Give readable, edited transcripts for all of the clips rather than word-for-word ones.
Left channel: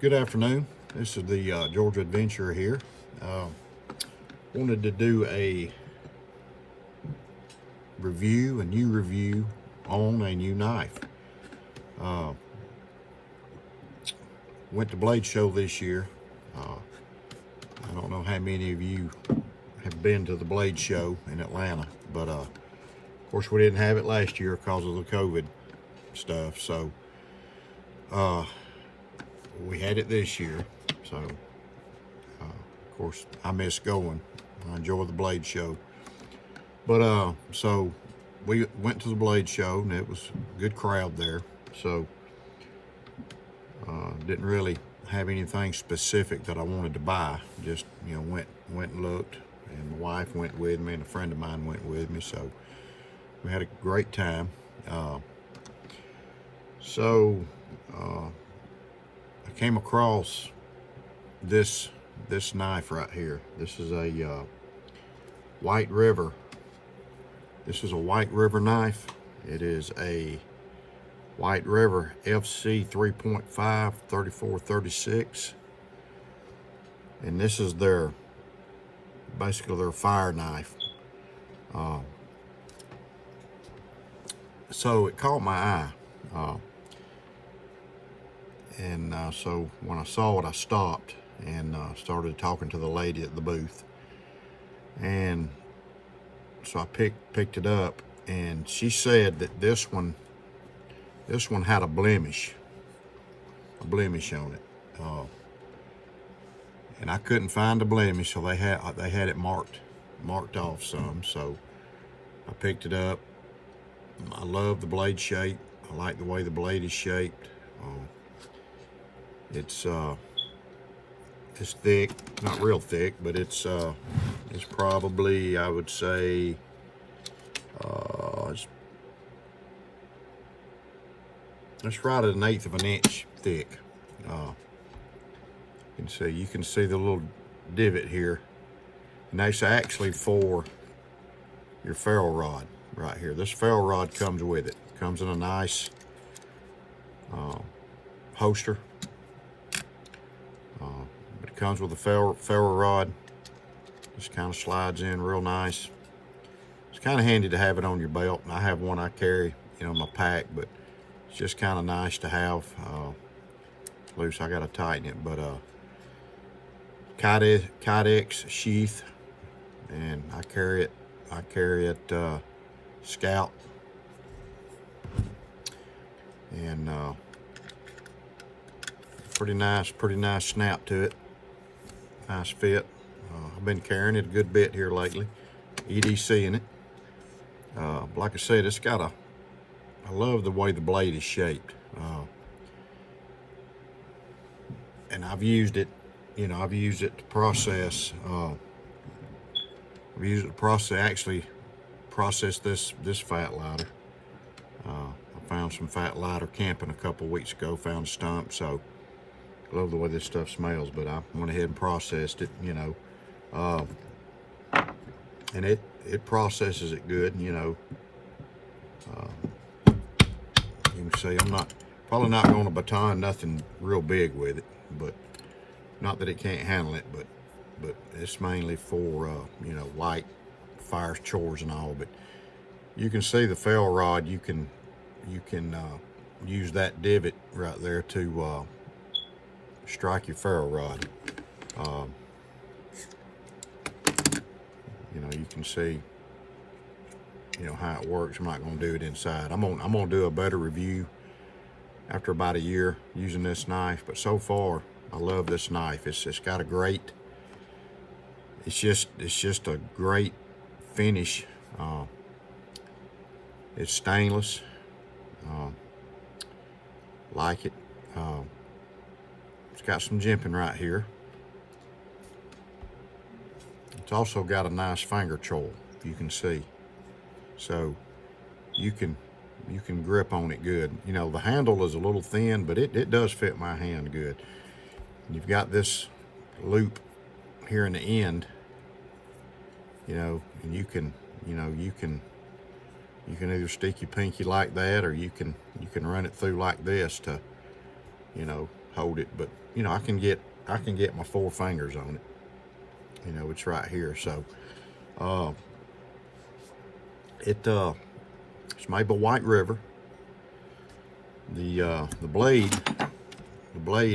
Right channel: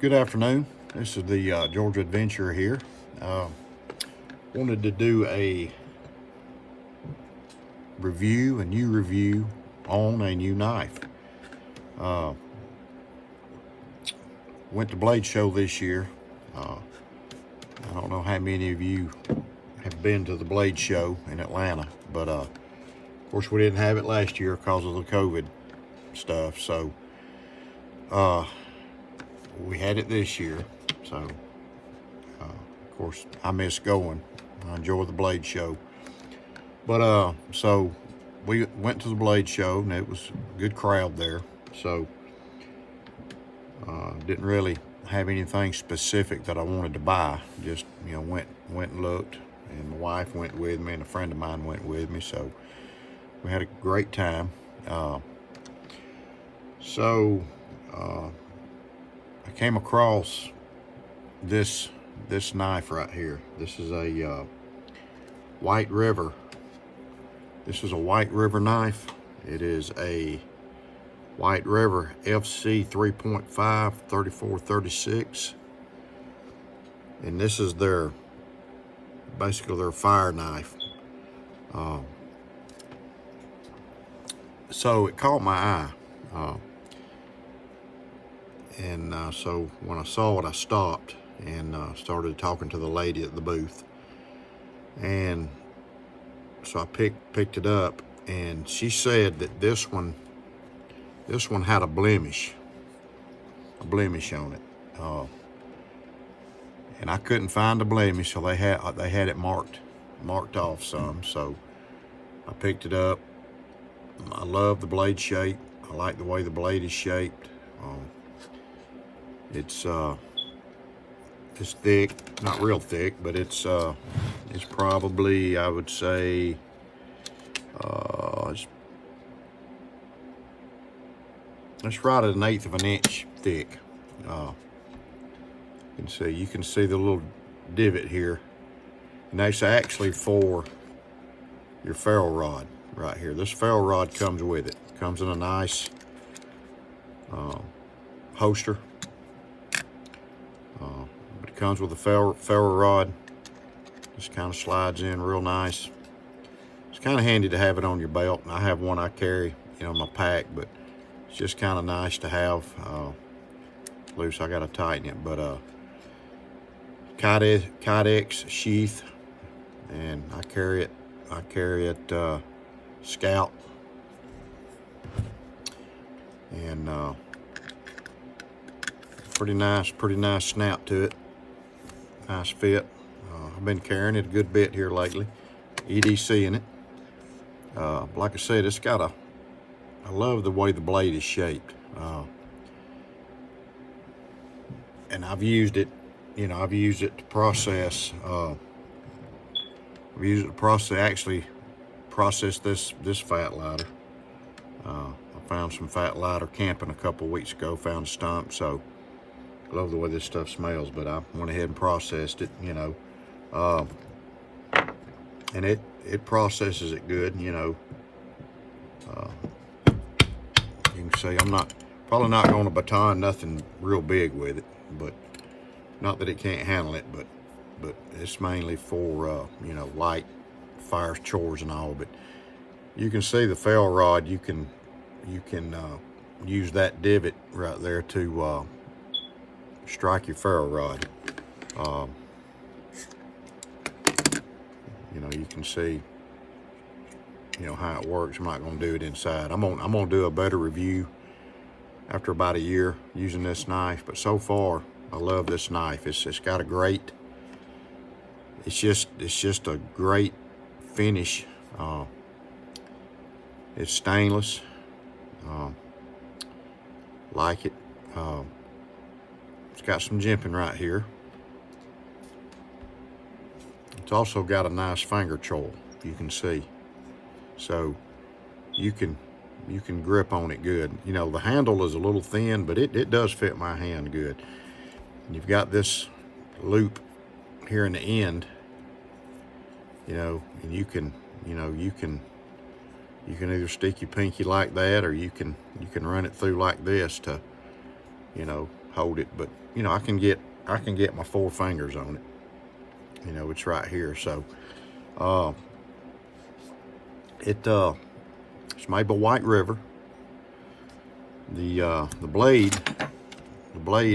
Good afternoon. This is the Georgia Adventurer here. Wanted to do a new review on a new knife. Went to Blade Show this year. I don't know how many of you have been to the Blade Show in Atlanta, but of course we didn't have it last year because of the COVID stuff. So we had it this year. So of course I miss going. I enjoy the Blade Show. But so we went to the Blade Show and it was a good crowd there. So didn't really have anything specific that I wanted to buy. Just, you know, went and looked, and my wife went with me and a friend of mine went with me. So we had a great time. I came across this knife right here. This is a White River. This is a White River knife. It is a White River FC3.5 3436, and this is basically their fire knife. So it caught my eye, so when I saw it, I stopped and started talking to the lady at the booth, and so I picked it up, and she said that this one had a blemish on it, and I couldn't find the blemish, so they had it marked off some. So I picked it up. I love the blade shape. I like the way the blade is shaped. It's thick, not real thick, but it's probably, I would say, it's right at 1/8 of an inch thick. You can see the little divot here, and that's actually for your ferrule rod right here. This ferrule rod comes with it. Comes in a nice holster, but it comes with a ferrule rod. Just kind of slides in real nice. It's kind of handy to have it on your belt, and I have one I carry, in my pack, but it's just kind of nice to have loose. I gotta tighten it, but Kydex sheath, and I carry it scalp, and pretty nice snap to it, nice fit. I've been carrying it a good bit here lately, EDC in it. Like I said, I love the way the blade is shaped, and I've used it to process. I've used it to actually process this fat lighter. I found some fat lighter camping a couple weeks ago. Found a stump, so I love the way this stuff smells. But I went ahead and processed it, and it processes it good, You can see I'm probably not going to baton nothing real big with it, but not that it can't handle it, but it's mainly for light fire chores and all. But you can see the ferrule rod. You can use that divot right there to strike your ferrule rod. You can see how it works. I'm not going to do it inside. I'm gonna do a better review after about a year using this knife, but so far I love this knife. It's got a great, it's just a great finish. It's stainless. Like it. It's got some jimping right here. It's also got a nice finger choil, you can see. So you can grip on it good. The handle is a little thin, but it does fit my hand good. And you've got this loop here in the end, and you can either stick your pinky like that, or you can run it through like this to you know, hold it. But, you know, I can get my 4 fingers on it. You know, it's right here. So, it's made by White River. The blade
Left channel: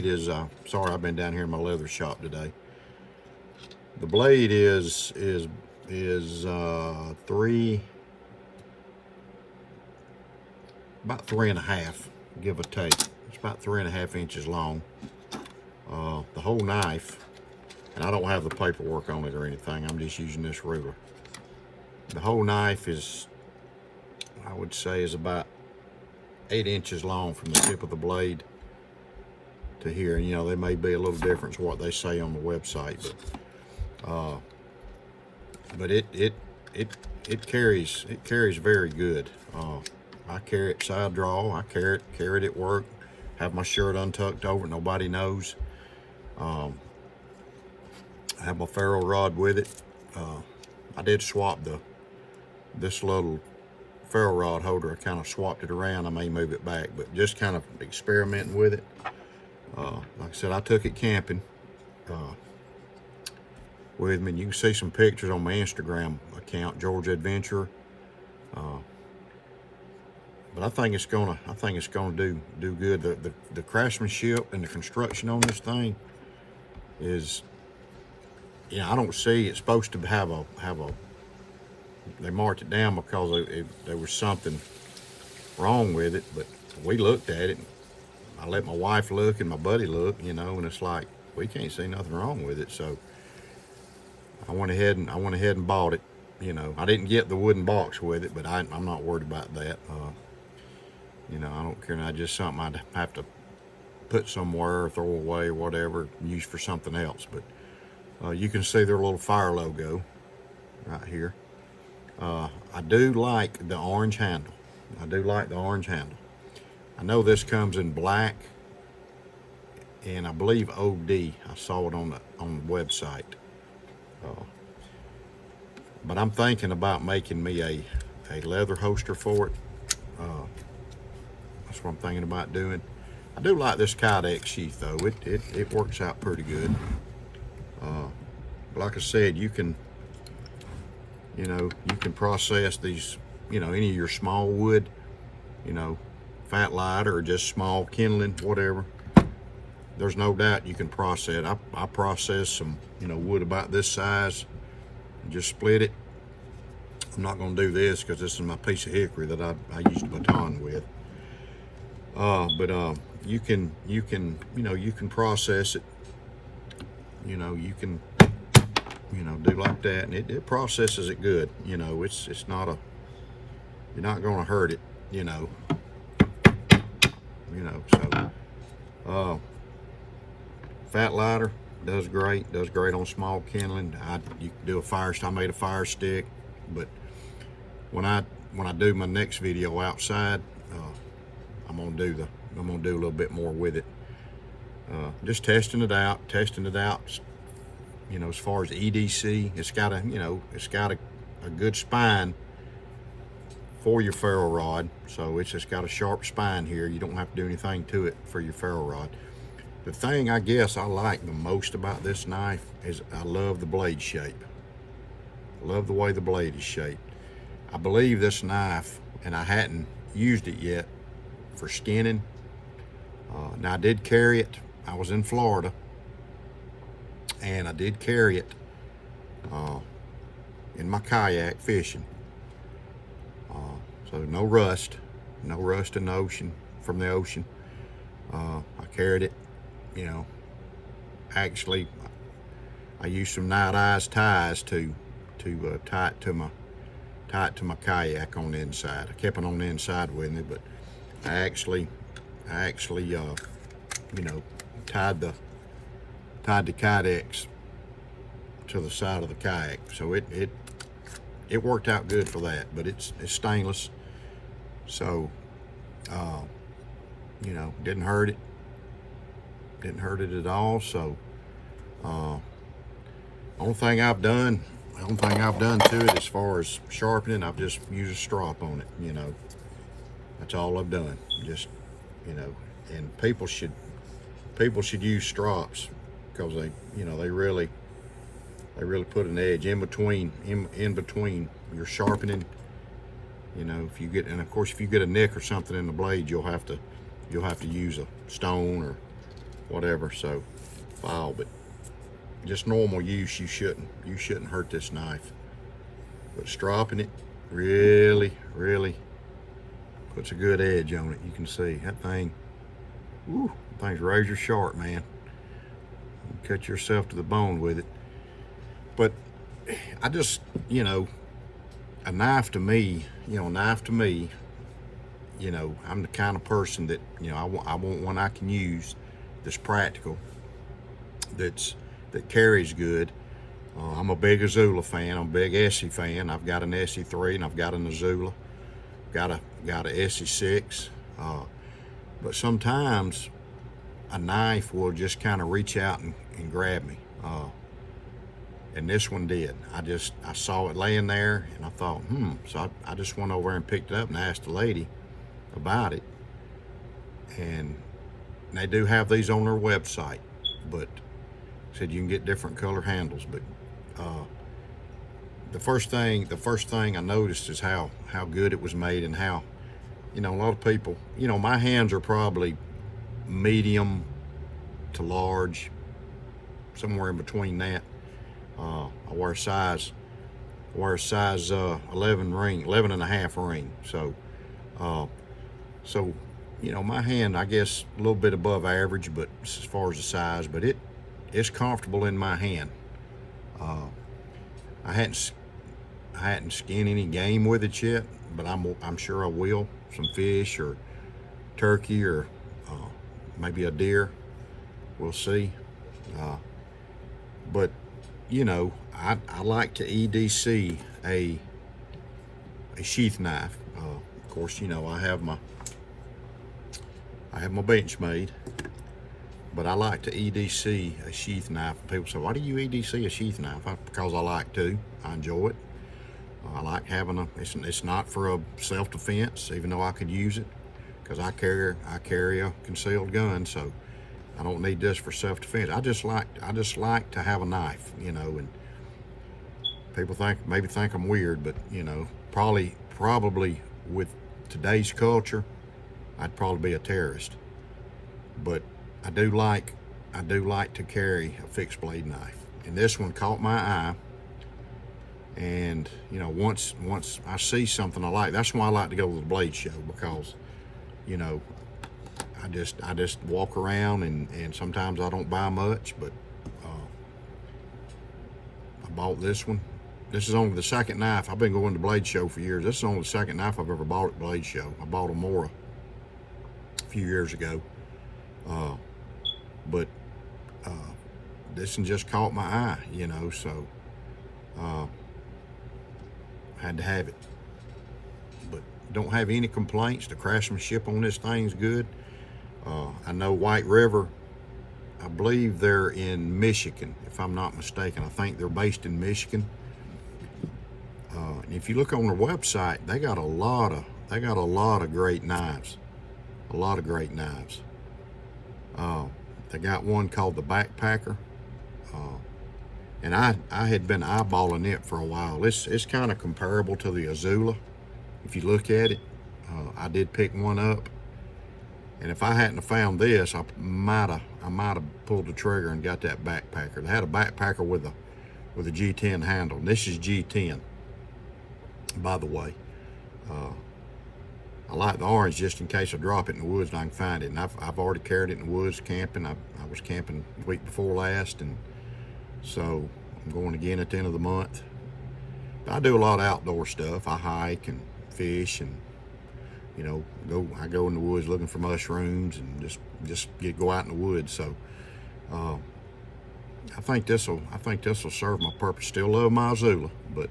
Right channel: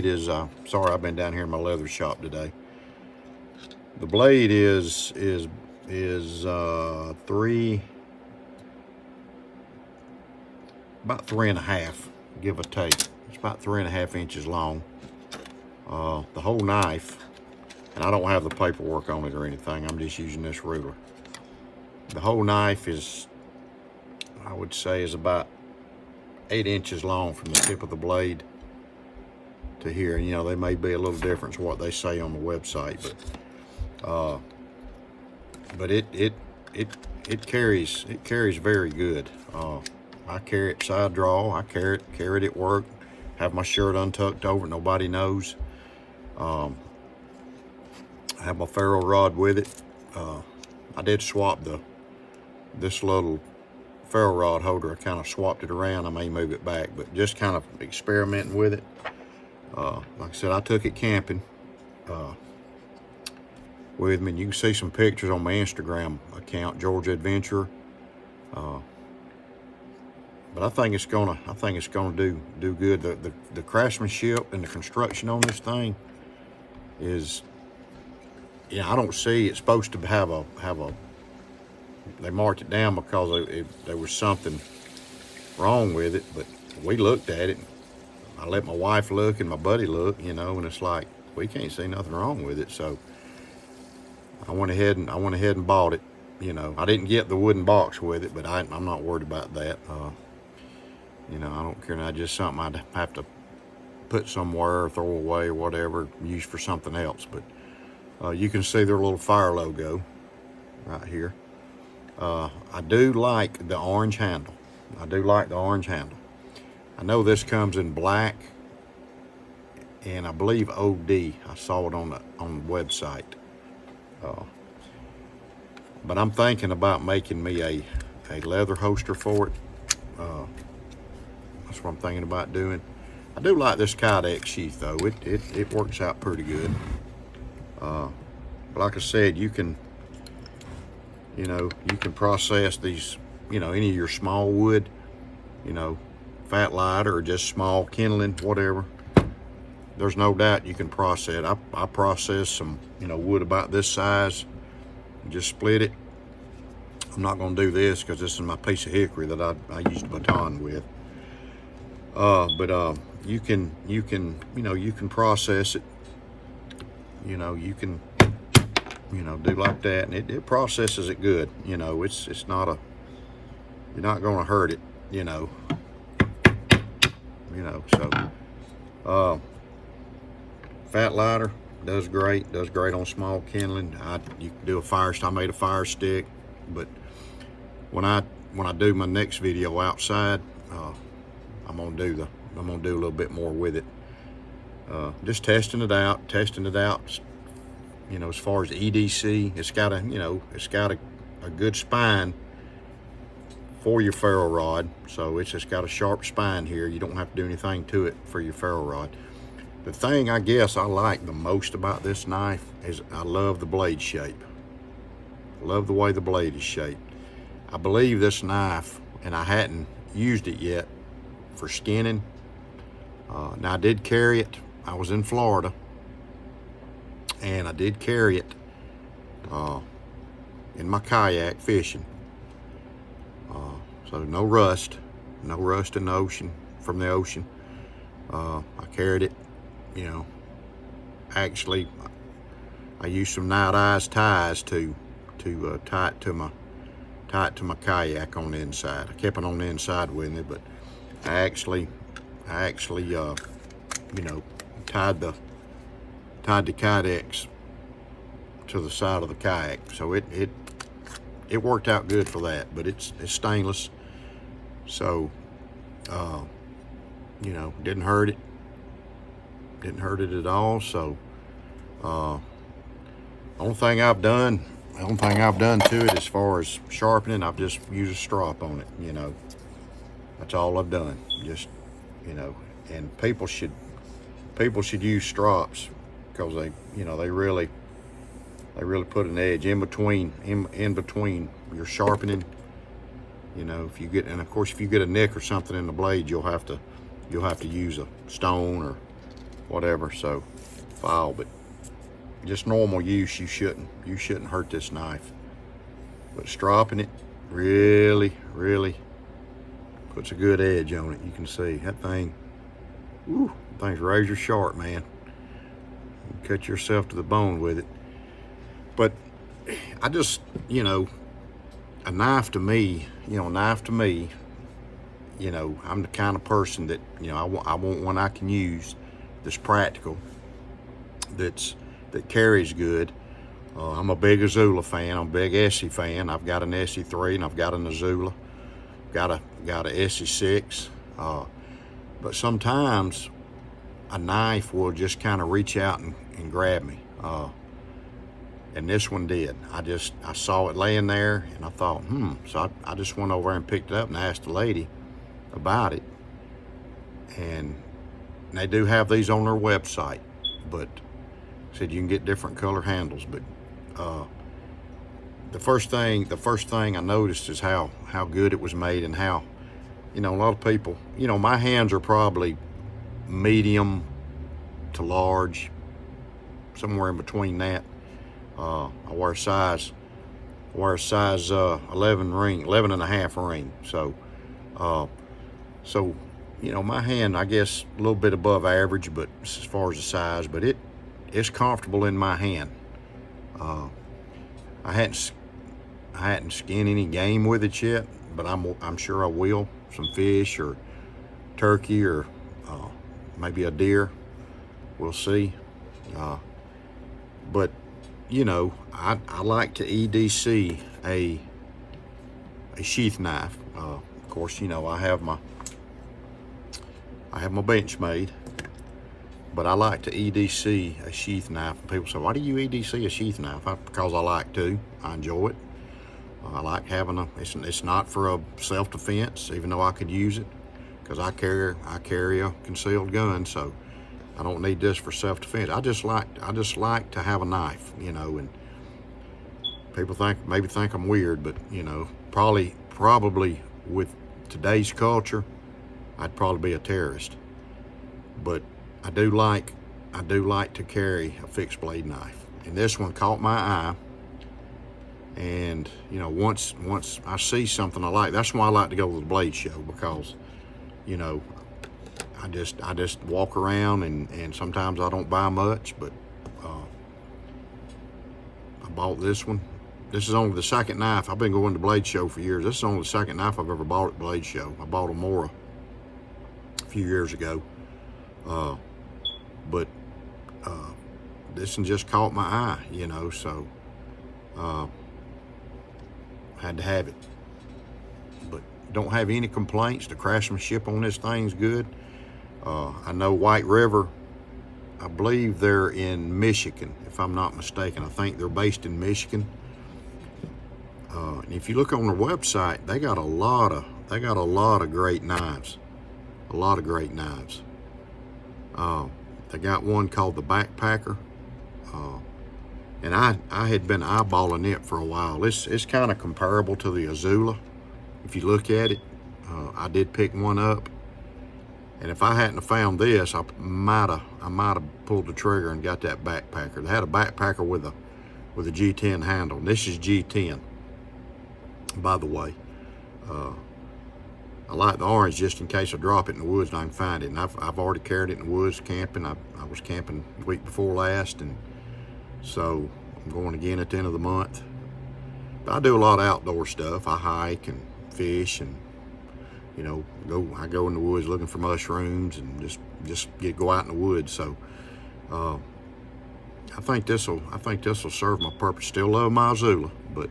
is, sorry, I've been down here in my leather shop today. The blade is about 3.5, give or take. It's about 3.5 inches long. The whole knife, and I don't have the paperwork on it or anything, I'm just using this ruler. The whole knife is, I would say, is about 8 inches long from the tip of the blade to here. You know, there may be a little difference what they say on the website, but it carries very good. I carry it side draw. I carry it at work. Have my shirt untucked over, nobody knows. I have my ferrule rod with it. I did swap this little ferrule rod holder. I kind of swapped it around. I may move it back, but just kind of experimenting with it. Like I said, I took it camping with me, and you can see some pictures on my Instagram account, Georgia Adventurer. But I think it's gonna do good. The craftsmanship and the construction on this thing is, I don't see it's supposed to have a. They marked it down because there was something wrong with it, but we looked at it. I let my wife look and my buddy look, and it's like, we can't see nothing wrong with it. So I went ahead and bought it. I didn't get the wooden box with it, but I'm not worried about that. I don't care. Not just something I'd have to put somewhere or throw away or whatever, use for something else. But you can see their little fire logo right here. I do like the orange handle. I know this comes in black, and I believe OD. I saw it on the website. But I'm thinking about making me a leather holster for it. That's what I'm thinking about doing. I do like this Kydex sheath though. It works out pretty good. But like I said, you can process these, any of your small wood, fat lighter or just small kindling, whatever. There's no doubt you can process it. I processed some, wood about this size, just split it. I'm not going to do this because this is my piece of hickory that I used a baton with. But you can process it. You can do like that, and it processes it good. It's not you're not going to hurt it. So fat lighter does great on small kindling. You can do a fire. I made a fire stick, but when I do my next video outside, I'm gonna do a little bit more with it. Just testing it out. As far as EDC, it's got a good spine for your ferrule rod. So it's just got a sharp spine here. You don't have to do anything to it for your ferrule rod. The thing I guess I like the most about this knife is I love the blade shape. I love the way the blade is shaped. I believe this knife, and I hadn't used it yet for skinning. Now I did carry it. I was in Florida, and I did carry it in my kayak fishing. So no rust in the ocean, from the ocean. I carried it, actually I used some night eyes ties to tie it to my kayak on the inside. I kept it on the inside with me, but I actually tied the Kydex to the side of the kayak. So it worked out good for that, but it's stainless. So, didn't hurt it at all. So, only thing I've done to it as far as sharpening, I've just used a strop on it, that's all I've done. Just, and people should people should use strops, because they, you know, they really put an edge in between your sharpening. You know, if you get, and of course if you get a nick or something in the blade, you'll have to use a stone or whatever, so file. But just normal use, you shouldn't hurt this knife. But stropping it really puts a good edge on it. You can see that thing, that thing's razor sharp, man. You cut yourself to the bone with it. But I just, you know, a knife to me, I'm the kind of person that, you know, I want one I can use that's practical, that carries good. I'm a big Azula fan. I'm a big Essie fan. I've got an SE3 and I've got an Azula. Got a SE6. But sometimes a knife will just kind of reach out and grab me. And this one did. I saw it laying there and I thought, So I just went over and picked it up and asked the lady about it. And they do have these on their website, but said you can get different color handles. But the first thing I noticed is how good it was made, and how, you know, a lot of people, you know, my hands are probably medium to large, somewhere in between that. I wear a size 11 and a half ring. So you know, my hand, I guess, a little bit above average, but as far as the size, but it's comfortable in my hand. I hadn't skinned any game with it yet, but I'm sure I will. Some fish or turkey or maybe a deer. We'll see. But you know, I like to EDC a sheath knife. Of course, you know, I have my Benchmade, but I like to EDC a sheath knife. People say, why do you EDC a sheath knife? Because I like to. I enjoy it. I like having it's not for a self-defense, even though I could use it, because I carry a concealed gun, so I don't need this for self-defense. I just like to have a knife, you know. And people maybe think I'm weird, but you know, probably with today's culture, I'd probably be a terrorist. But I do like to carry a fixed blade knife, and this one caught my eye. And you know, once I see something I like, that's why I like to go to the blade show, because you know, I just walk around and sometimes I don't buy much, but I bought this one. This is only the second knife. I've been going to blade show for years. This is only the second knife I've ever bought at blade show. I bought a Mora a few years ago, but this one just caught my eye, you know, so had to have it. But don't have any complaints. The craftsmanship on this thing's good. I know White River, I believe they're in Michigan, if I'm not mistaken. I think they're based in Michigan. And if you look on their website, they got a lot of great knives. A lot of great knives. They got one called the Backpacker. And I had been eyeballing it for a while. It's kind of comparable to the Azula. If you look at it, I did pick one up. And if I hadn't have found this, I might have pulled the trigger and got that Backpacker. They had a Backpacker with a G10 handle. This is G10, by the way. I like the orange just in case I drop it in the woods and I can find it. And I've already carried it in the woods camping. I was camping the week before last, and so I'm going again at the end of the month. But I do a lot of outdoor stuff. I hike and fish, and you know, I go in the woods looking for mushrooms and just go out in the woods. So I think this will serve my purpose. Still love my Azula, but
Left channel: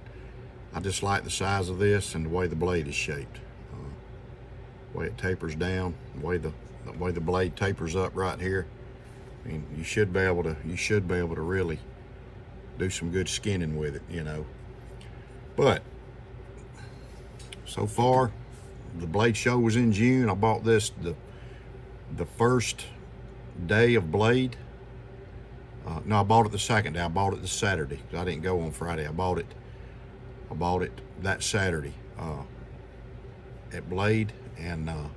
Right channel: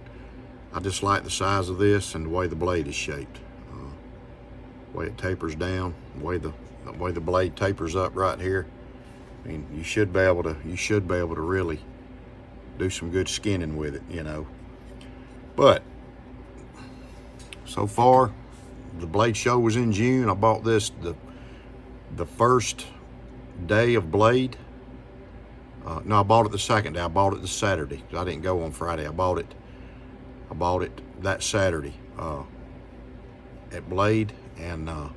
I just like the size of this and the way the blade is shaped. The way it tapers down, the way the blade tapers up right here. I mean, you should be able to really do some good skinning with it, you know. But so far, the blade show was in June. I bought this the first day of blade. No, I bought it the second day. I bought it the Saturday because I didn't go on Friday. I bought it that Saturday at Blade, and I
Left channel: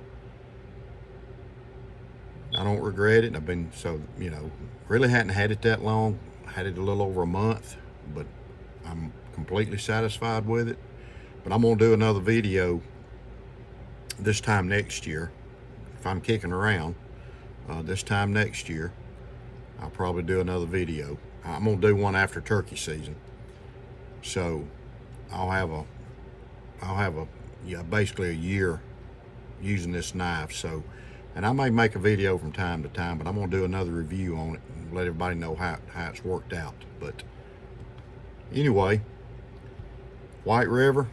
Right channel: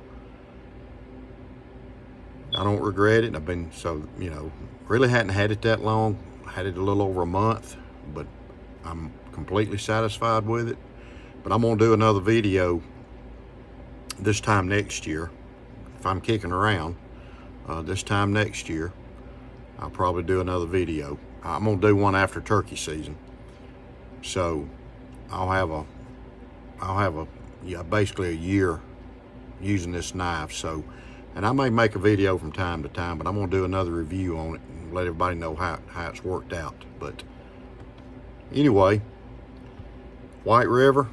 don't regret it. I've been, so, you know, really hadn't had it that long. I had it a little over a month, but I'm completely satisfied with it. But I'm gonna do another video this time next year. If I'm kicking around, this time next year, I'll probably do another video. I'm gonna do one after turkey season. So I'll have a yeah, basically a year using this knife. So, and I may make a video from time to time, but I'm gonna do another review on it and let everybody know how it's worked out. But anyway, White River,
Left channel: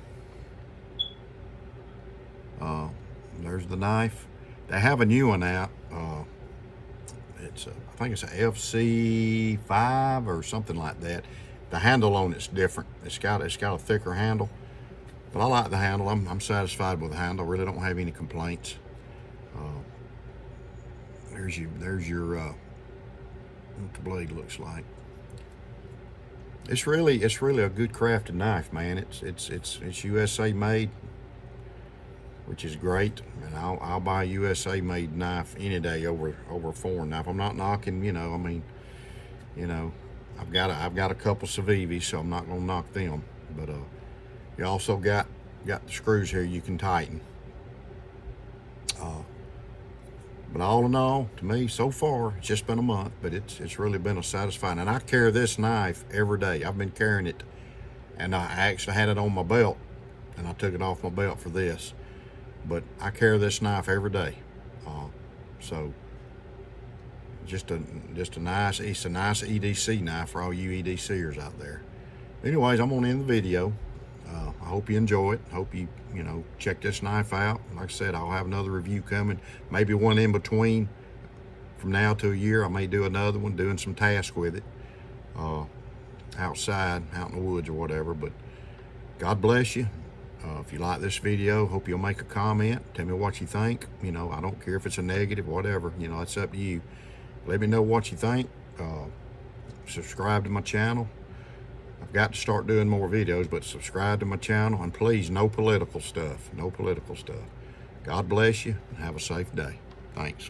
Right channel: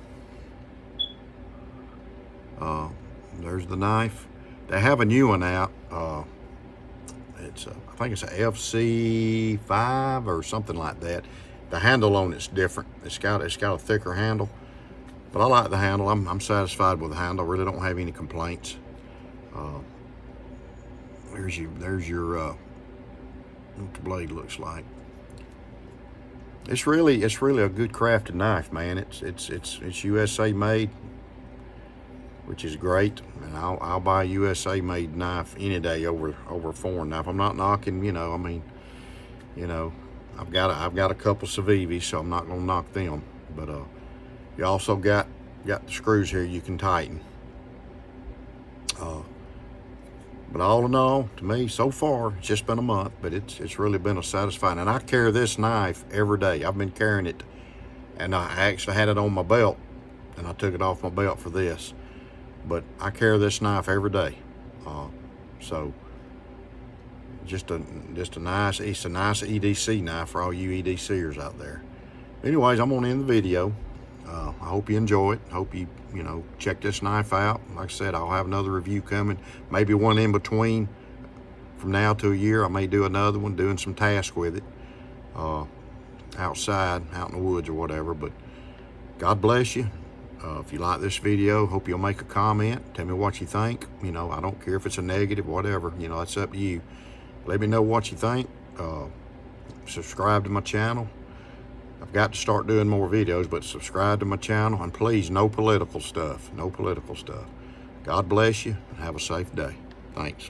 there's the knife. They have a new one out. It's I think it's a FC3.5 or something like that. The handle on it's different. It's got a thicker handle, but I like the handle. I'm satisfied with the handle. I really don't have any complaints. There's your what the blade looks like. It's really a good crafted knife, man. It's USA made, which is great, and I'll buy a USA made knife any day over a foreign knife. I'm not knocking, you know, I mean, you know, I've got a couple Civivis, so I'm not gonna knock them. But you also got the screws here you can tighten. But all in all, to me, so far, it's just been a month, but it's really been a satisfying. And I carry this knife every day. I've been carrying it, and I actually had it on my belt, and I took it off my belt for this. But I carry this knife every day. So just a nice, it's a nice EDC knife for all you EDCers out there. Anyways, I'm gonna end the video. I hope you enjoy it. Hope you check this knife out. Like I said, I'll have another review coming. Maybe one in between. From now to a year, I may do another one, doing some tasks with it. Outside, out in the woods or whatever. But God bless you. If you like this video, hope you'll make a comment. Tell me what you think. You know, I don't care if it's a negative, whatever. You know, it's up to you. Let me know what you think. Subscribe to my channel. I've got to start doing more videos, but subscribe to my channel. And please, no political stuff. No political stuff. God bless you. Have a safe day. Thanks.